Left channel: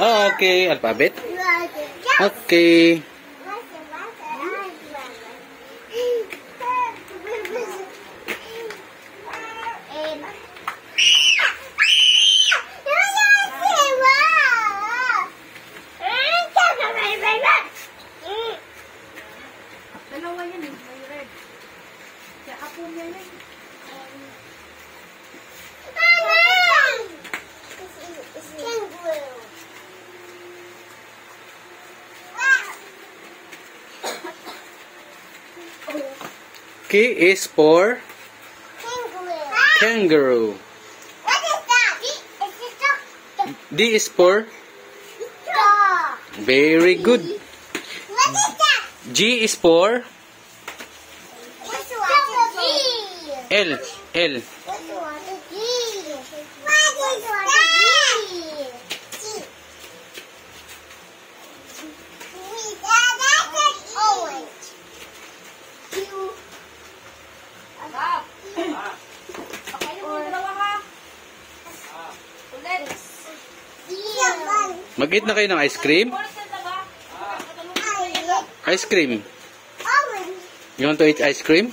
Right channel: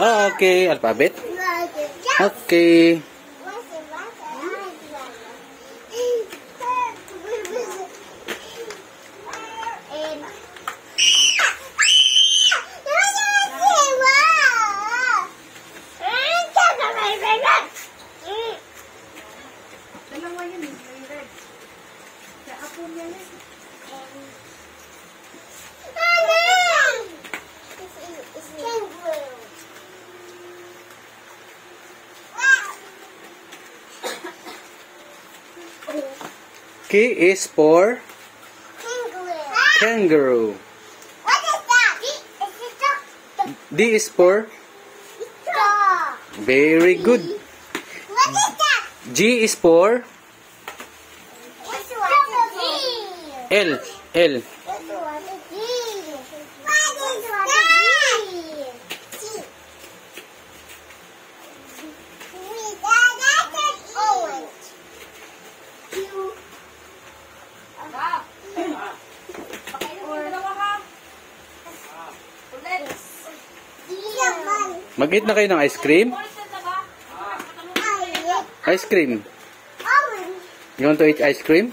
Oh, okay. Alphabet? Okay. Dalawa yan eh, may red. Kaya apo mo yan eh. K is for kangaroo. What is that? D is for very good. What is that? G is for What's the G? L. L. What's the G? What is that? G. That's an orange. Mag-eat na kayo ng ice cream? Ice cream. You want to eat ice cream?